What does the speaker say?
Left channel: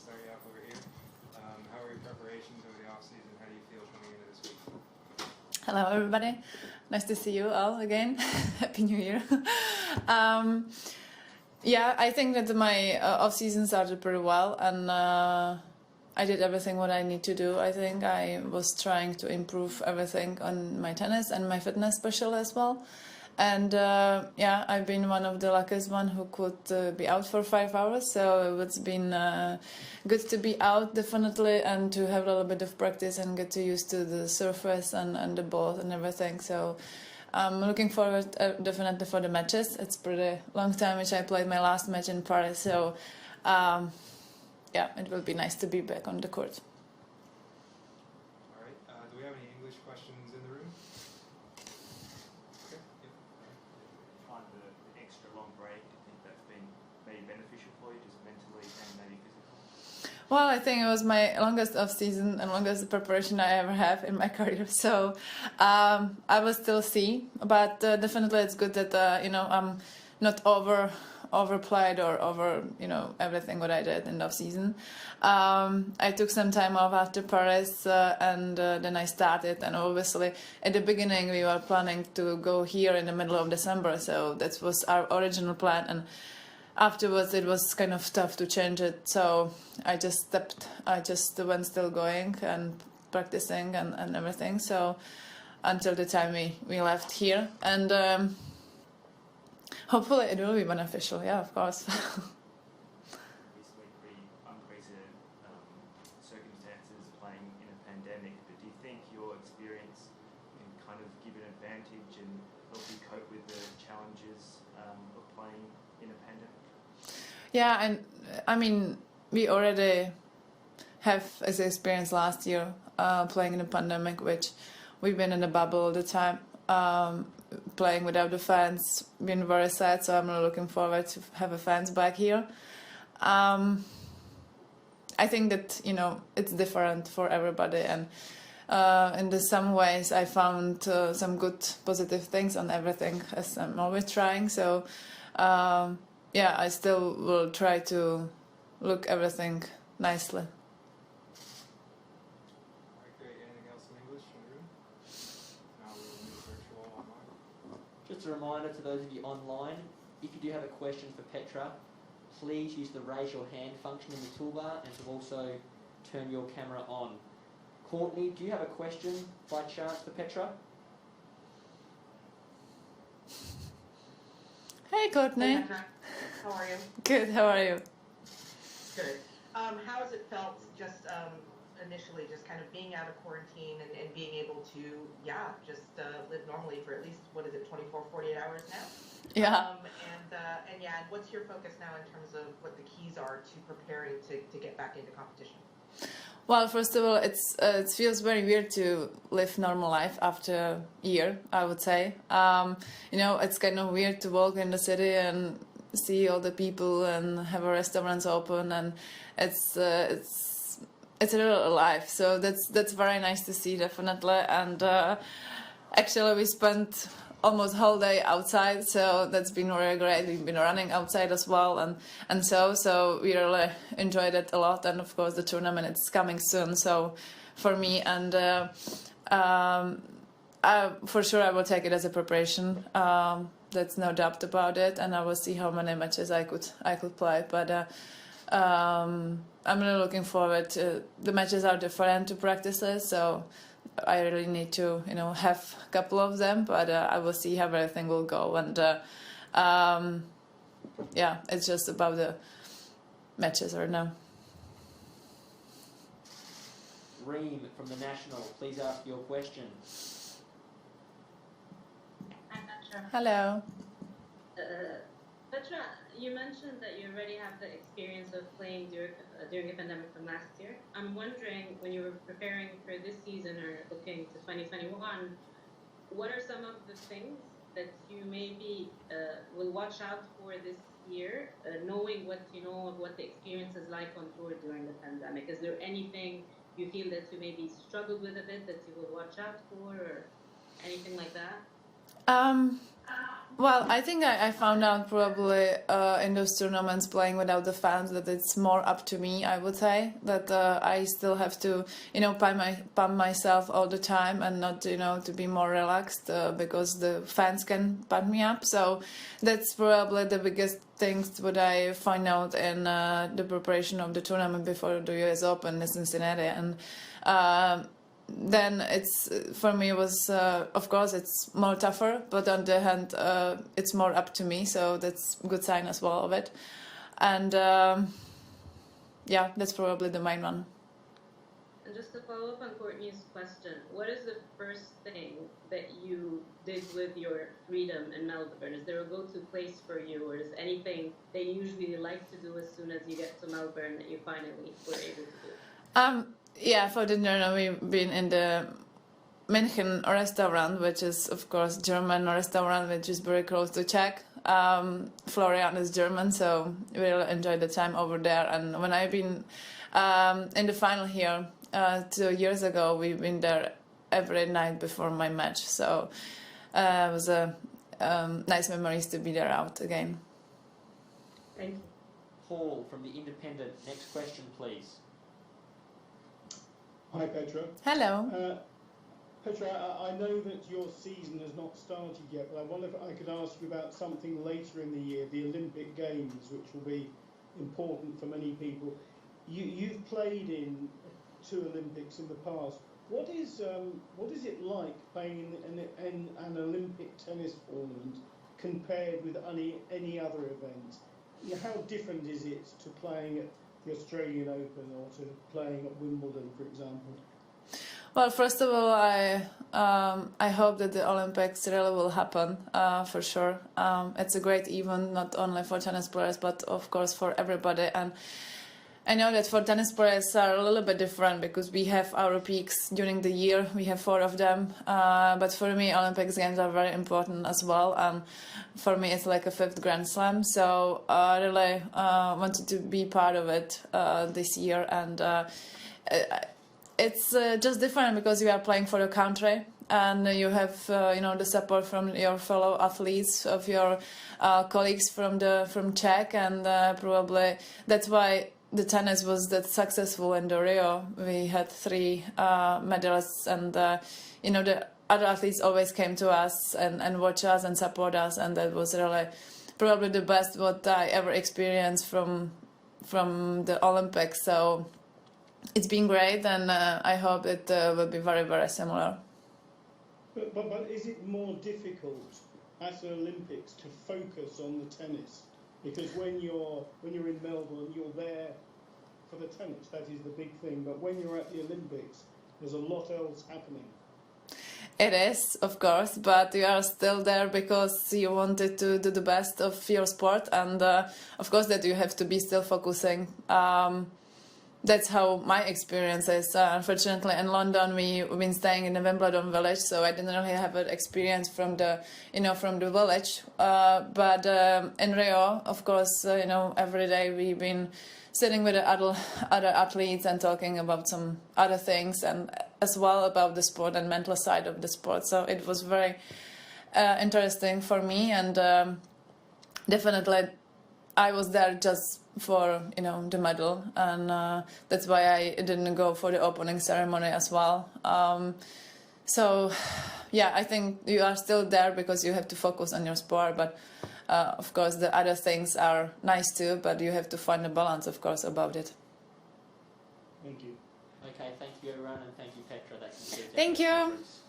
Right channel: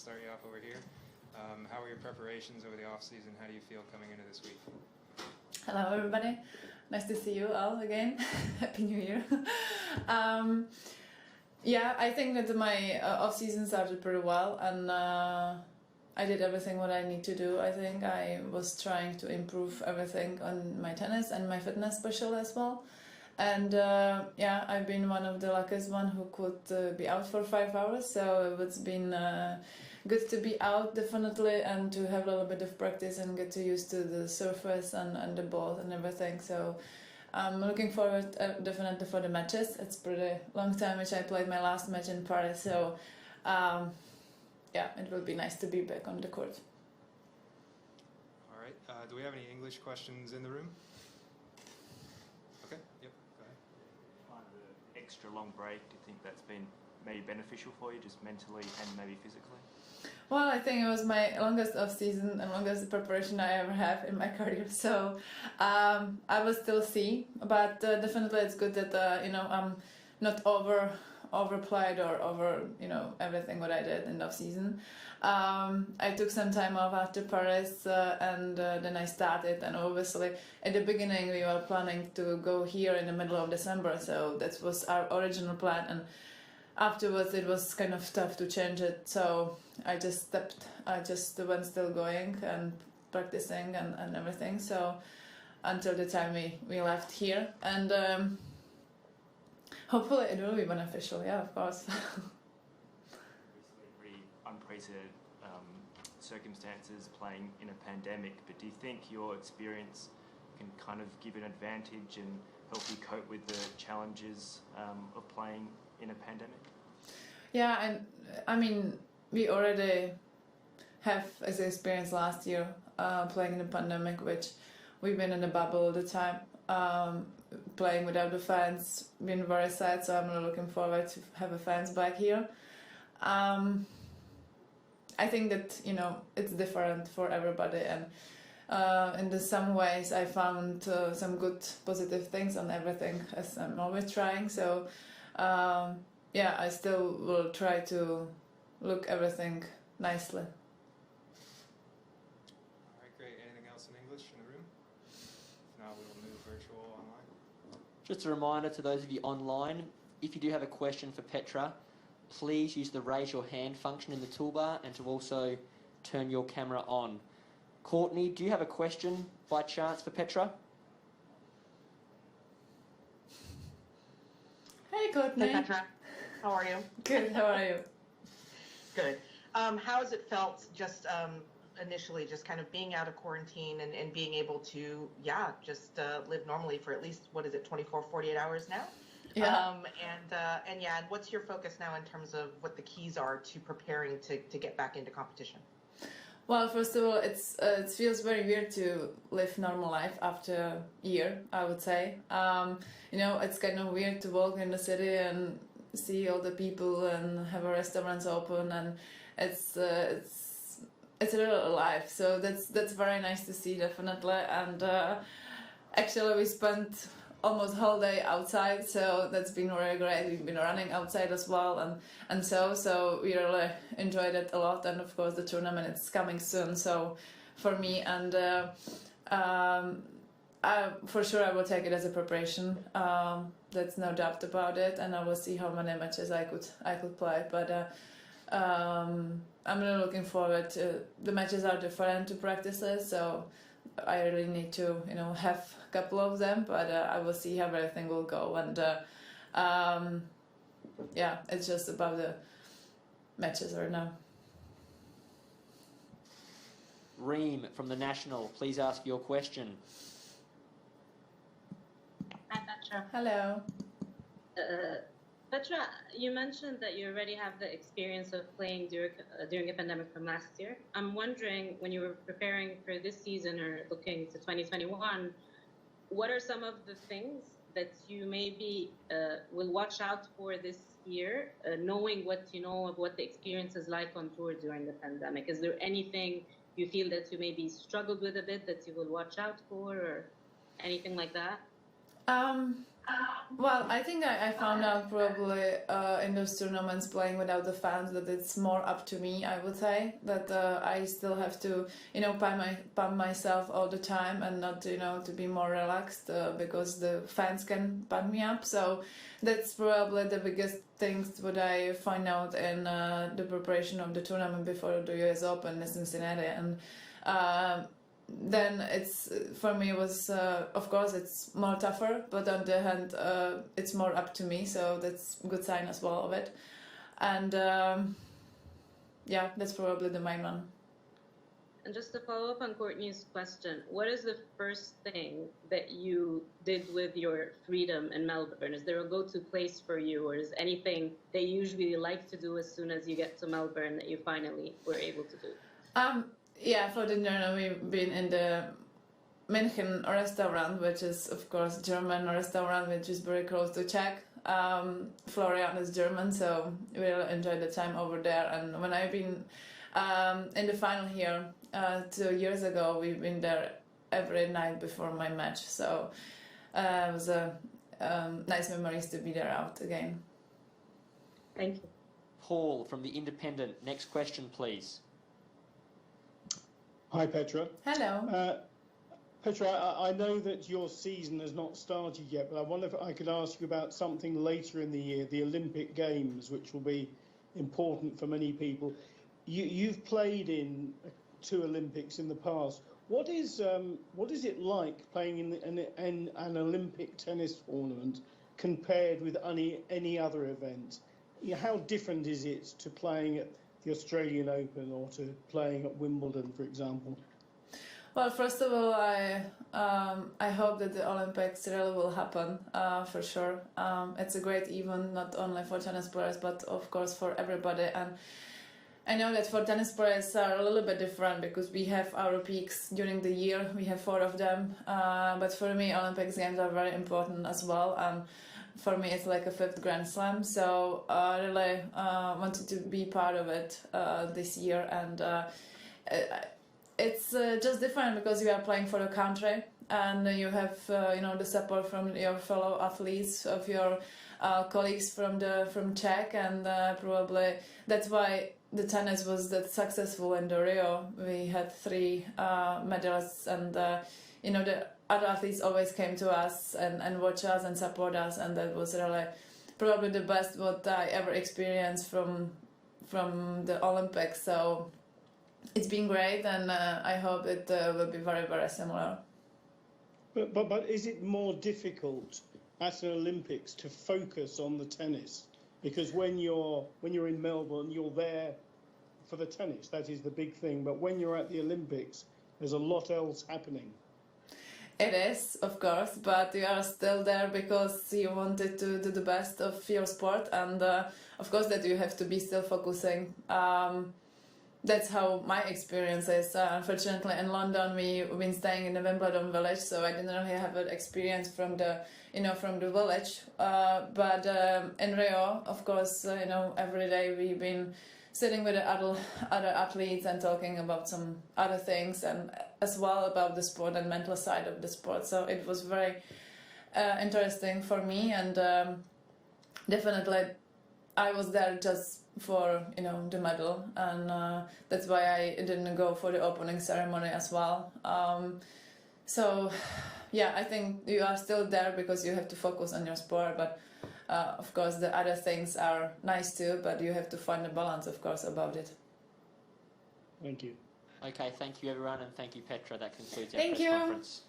start you off over here. How are your preparations over the off-season? How do you feel coming into this week? Hello, everybody. Nice to see you all again. Happy New Year. Yeah, I think that my off-season started pretty well, and I did everything what I need to do. I think I was trying to improve everything on my tennis and my fitness special as well. And yeah, I've been one of the luckiest one who could be out for 5 hours. So it's been good to be out, definitely, and to have a little bit of practice and get to used to the surface and the ball and everything. So I'm looking forward definitely for the matches. It's pretty long time which I played my last match in Paris. So yeah, it will be nice to be back on the court. All right. Do we have any English questions in the room? Okay. Yep. Kind of the extra long break, do you think that's been maybe beneficial for you, just mentally and maybe physically? Well, I think it was my longest off-season and longest preparation I ever have in my career. So I will still see, but definitely it's good that I'm not overplayed or over everything what I did in the off-season. I took some time off after Paris and then I started, and obviously at the beginning we were planning to go here in the middle of December, so that was our original plan, and afterwards it was kind of tough to change it, so I just went still going and practicing and everything, so until the time we left here, and hopefully it will be beneficial, yeah, of course. Obviously, pretty unprecedented circumstances playing in a pandemic, but do you think your experience can kind of give an advantage and help you cope with the challenges of playing in a pandemic? Yeah, and I mean, we already have as experience last year playing in a pandemic, which we've been in a bubble all the time. Playing without the fans, been very sad, so I'm really looking forward to have a fans back here. I think that it's different for everybody, and in some ways I found some good positive things on everything, as I'm always trying. So yeah, I still will try to look everything nicely. Just a reminder to those of you online, if you do have a question for Petra, please use the raise your hand function in the toolbar and to also turn your camera on. Courtney, do you have a question by chance for Petra? Hey, Courtney. Hey, Petra. How are you? Good, how are you? Good. How has it felt just initially just kind of being out of quarantine and being able to, just live normally for at least, 24, 48 hours now? Yeah. And what's your focus now in terms of what the keys are to preparing to get back into competition? Well, first of all, it feels very weird to live normal life after a year, I would say. It's kind of weird to walk in the city and see all the people and have a restaurants open, and it's a little alive, so that's very nice to see, definitely. And actually we spent almost whole day outside, so that's been very great. We've been running outside as well, and so we really enjoyed it a lot. And of course the tournament is coming soon, so for me, and for sure I will take it as a preparation. That's no doubt about it, and I will see how many matches I could play, but I'm really looking forward to the matches. Are different to practices, so I really need to have a couple of them, but I will see how everything will go, and yeah, it's just about the matches right now. Reem from the National, please ask your question. Hi, Petra. Hello. Petra, you mentioned that you already have the experience of playing during a pandemic from last year. I'm wondering, when you were preparing for this season or looking to 2021, what are some of the things that you maybe will watch out for this year, knowing what you know of what the experience is like on tour during the pandemic? Is there anything you feel that you maybe struggled with a bit that you will watch out for, or anything like that? Well, I think I found out probably in those tournaments playing without the fans that it's more up to me. I would say that I still have to, pump myself all the time and not, to be more relaxed because the fans can pump me up. So that's probably the biggest things what I find out in the preparation of the tournament before the US Open in Cincinnati. And then it's for me was of course it's more tougher, but on the hand it's more up to me, so that's a good sign as well of it. And that's probably the main one. And just to follow up on Courtney's question, what is the first thing that you did with your freedom in Melbourne? Is there a go-to place for you, or is anything that you usually like to do as soon as you get to Melbourne that you finally were able to do? For dinner we've been in the München restaurant, which is of course German restaurant, which is very close to Czech. Florian is German, so we really enjoyed the time over there. And when I've been in the final here 2 years ago, we've been there every night before my match. So it was a nice memories to be there out again. Thank you. Paul from The Independent, next question, please. Hi, Petra. Hello. Petra, I know that your season has not started yet, but I wonder if I could ask you about something later in the year, the Olympic Games, which will be important for many people. You've played in 2 Olympics in the past. What is it like playing in an Olympic tennis tournament compared with any other event? How different is it to playing at the Australian Open or to playing at Wimbledon, for example? Well, first of all, I hope that the Olympics really will happen for sure. It's a great event, not only for tennis players, but of course for everybody. And I know that for tennis players are a little bit different because we have our peaks during the year. We have 4 of them. But for me, Olympics games are very important as well. And for me, it's like a 5th Grand Slam. So I really wanted to be part of it this year. And it's just different because you are playing for your country and you have the support from your fellow athletes, of your colleagues from Czech, and probably that's why the tennis was that successful in the Rio. We had 3 medals, and the other athletes always came to us and watch us and support us, and that was really probably the best what I ever experienced from the Olympics. So it's been great, and I hope it will be very, very similar. But is it more difficult at an Olympics to focus on the tennis? Because when you're in Melbourne, you're there for the tennis. That is the big thing. But when you're at the Olympics, there's a lot else happening. It is, of course, but you are still there because you wanted to do the best of your sport, and of course that you have to be still focusing. That's how my experience is. Unfortunately, in London, we've been staying in the Wimbledon village, so I didn't really have an experience from the village. But in Rio, of course, every day we've been sitting with the other athletes and talking about some other things, and as well about the sport and mental side of the sport. So it was very interesting for me, and definitely I was there just for the medal, and that's why I didn't go for the opening ceremony as well. So yeah, I think you are still there because you have to focus on your sport, but of course the other things are nice too, but you have to find a balance, of course, about it. Thank you. Okay, thank you everyone, and thank you, Petra. That concludes our Thank press you. conference.